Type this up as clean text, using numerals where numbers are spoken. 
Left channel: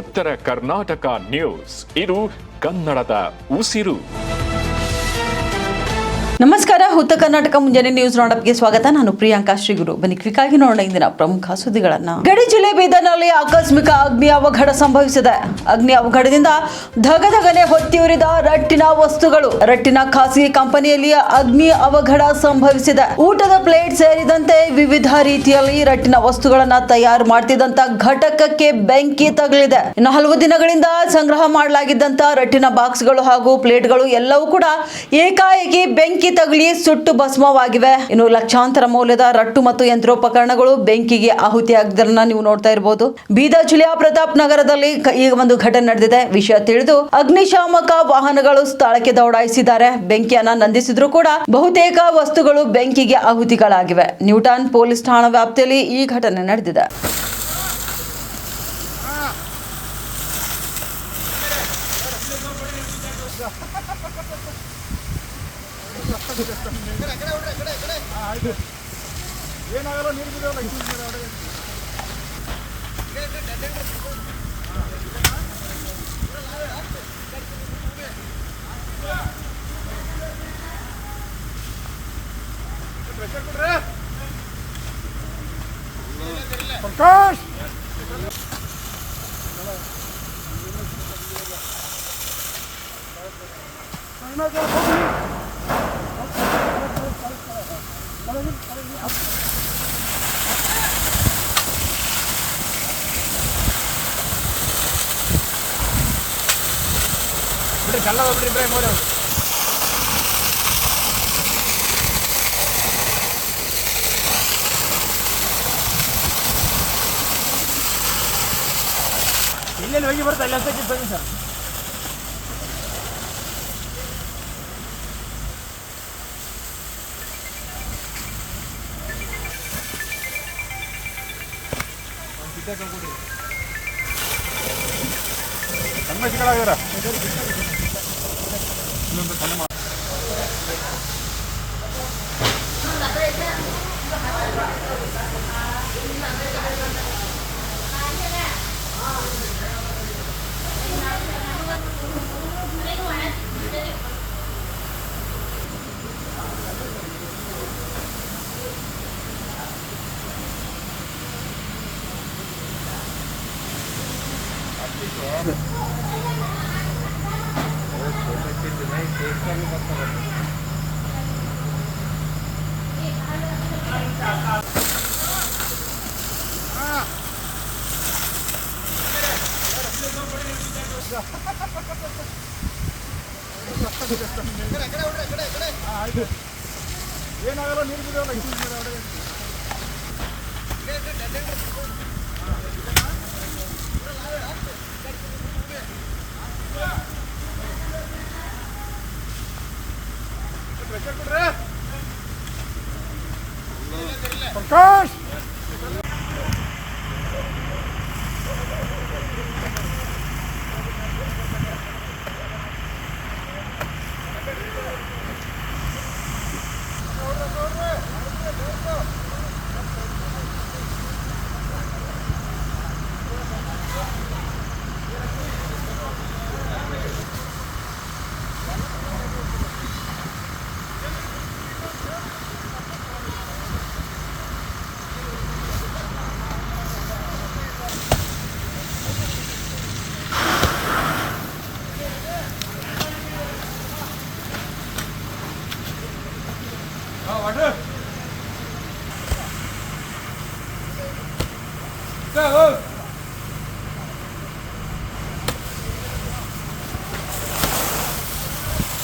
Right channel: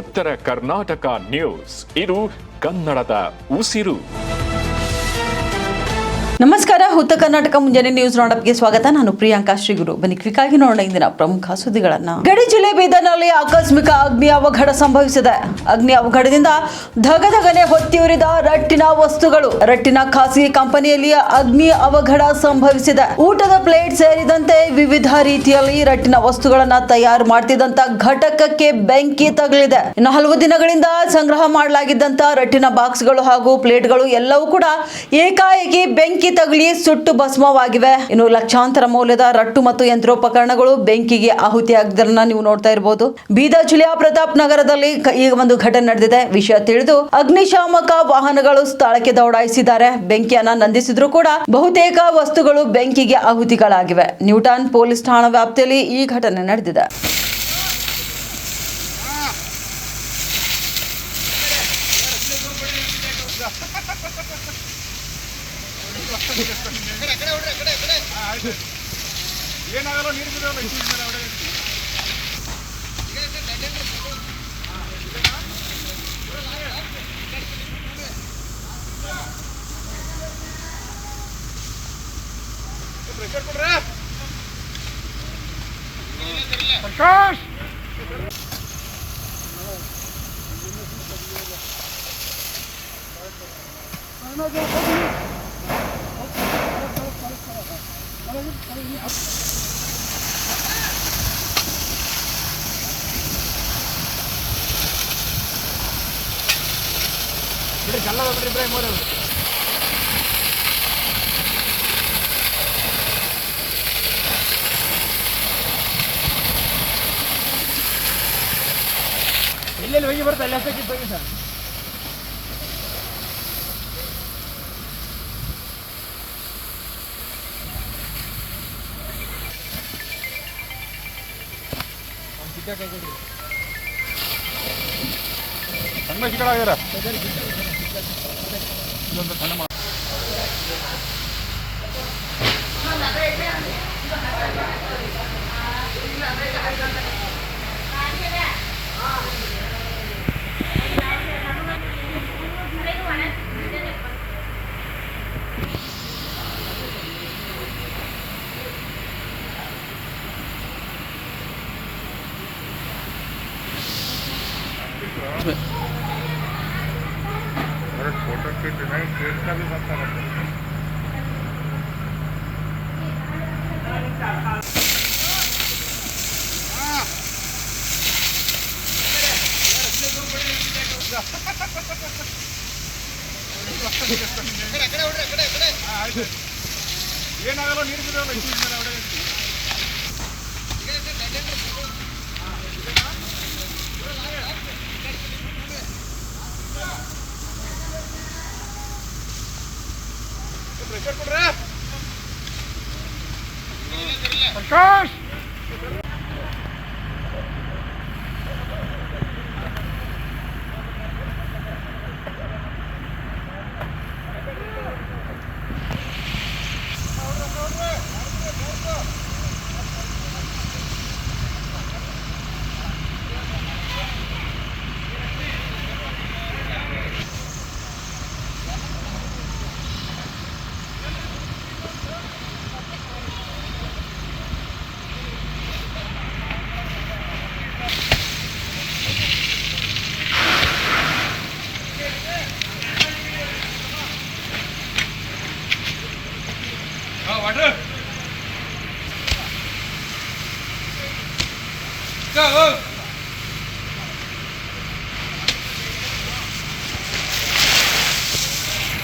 ಉತ್ತರ ಕರ್ನಾಟಕ ನ್ಯೂಸ್. ಇದು ಕನ್ನಡದ ಉಸಿರು. ನಮಸ್ಕಾರ. ಉತ್ತರ ಕರ್ನಾಟಕ ಮುಂಜಾನೆ ನ್ಯೂಸ್ ರೌಂಡಪ್ಗೆ ಸ್ವಾಗತ. ನಾನು ಪ್ರಿಯಾಂಕಾ ಶ್ರೀಗುರು. ಬನ್ನಿ ಕ್ವಿಕ್ ಆಗಿ ನೋಡೋಣ ಇಂದಿನ ಪ್ರಮುಖ ಸುದ್ದಿಗಳನ್ನ. ಗಡಿ ಜಿಲ್ಲೆ ಬೀದರ್ನಲ್ಲಿ ಆಕಸ್ಮಿಕ ಅಗ್ನಿ ಅವಘಡ ಸಂಭವಿಸಿದೆ. ಅಗ್ನಿ ಅವಘಡದಿಂದ ಧಗಧಗನೆ ಹೊತ್ತಿಯುರಿದ ರಟ್ಟಿನ ವಸ್ತುಗಳು. ರಟ್ಟಿನ ಖಾಸಗಿ ಕಂಪನಿಯಲ್ಲಿ ಅಗ್ನಿ ಅವಘಡ ಸಂಭವಿಸಿದೆ. ಊಟದ ಪ್ಲೇಟ್ ಸೇರಿದಂತೆ ವಿವಿಧ ರೀತಿಯಲ್ಲಿ ರಟ್ಟಿನ ವಸ್ತುಗಳನ್ನ ತಯಾರು ಮಾಡ್ತಿದ್ದಂತ ಘಟಕಕ್ಕೆ ಬೆಂಕಿ ತಗುಲಿದೆ. ಇನ್ನು ಹಲವು ದಿನಗಳಿಂದ ಸಂಗ್ರಹ ಮಾಡಲಾಗಿದ್ದಂತ ರಟ್ಟಿನ ಬಾಕ್ಸ್ಗಳು ಹಾಗೂ ಪ್ಲೇಟ್ಗಳು ಎಲ್ಲವೂ ಕೂಡ ಏಕಾಏಕಿ ಬೆಂಕಿ ತಗುಲಿ ಸುಟ್ಟು ಭಸ್ಮವಾಗಿವೆ. ಇನ್ನು ಲಕ್ಷಾಂತರ ಮೌಲ್ಯದ ರಟ್ಟು ಮತ್ತು ಯಂತ್ರೋಪಕರಣಗಳು ಬೆಂಕಿಗೆ ಆಹುತಿಯಾಗಿದ್ದನ್ನ ನೀವು ನೋಡ್ತಾ ಇರಬಹುದು. ಬೀದರ್ ಜಿಲ್ಲೆಯ ಪ್ರತಾಪ್ ನಗರದಲ್ಲಿ ಈಗ ಒಂದು ಘಟನೆ ನಡೆದಿದೆ. ವಿಷಯ ತಿಳಿದು ಅಗ್ನಿಶಾಮಕ ವಾಹನಗಳು ಸ್ಥಳಕ್ಕೆ ದೌಡಾಯಿಸಿದ್ದಾರೆ. ಬೆಂಕಿಯನ್ನ ನಂದಿಸಿದ್ರು ಕೂಡ ಬಹುತೇಕ ವಸ್ತುಗಳು ಬೆಂಕಿಗೆ ಆಹುತಿಗಳಾಗಿವೆ. ನ್ಯೂಟನ್ ಪೊಲೀಸ್ ಠಾಣಾ ವ್ಯಾಪ್ತಿಯಲ್ಲಿ ಈ ಘಟನೆ ನಡೆದಿದೆ. ಏನಾಗಲ್ಲ ನೀರು ಬಿಡೋಲ್ಲ. ಪ್ರಕಾಶ್ ಇಲ್ಲೆಲ್ಲಿ ಹೋಗಿ ಬರುತ್ತೆ ಅಲ್ಲಿ ಹತ್ತು ಬನ್ನಿ ಸರ್. ಕಣ್ಣ ಚಿಕ್ಕದಾಗಿರ ಏನಾಗಲ್ಲ ನೀರು ಬಿಡೋಲ್ಲ. ಪ್ರಕಾಶ್ Go!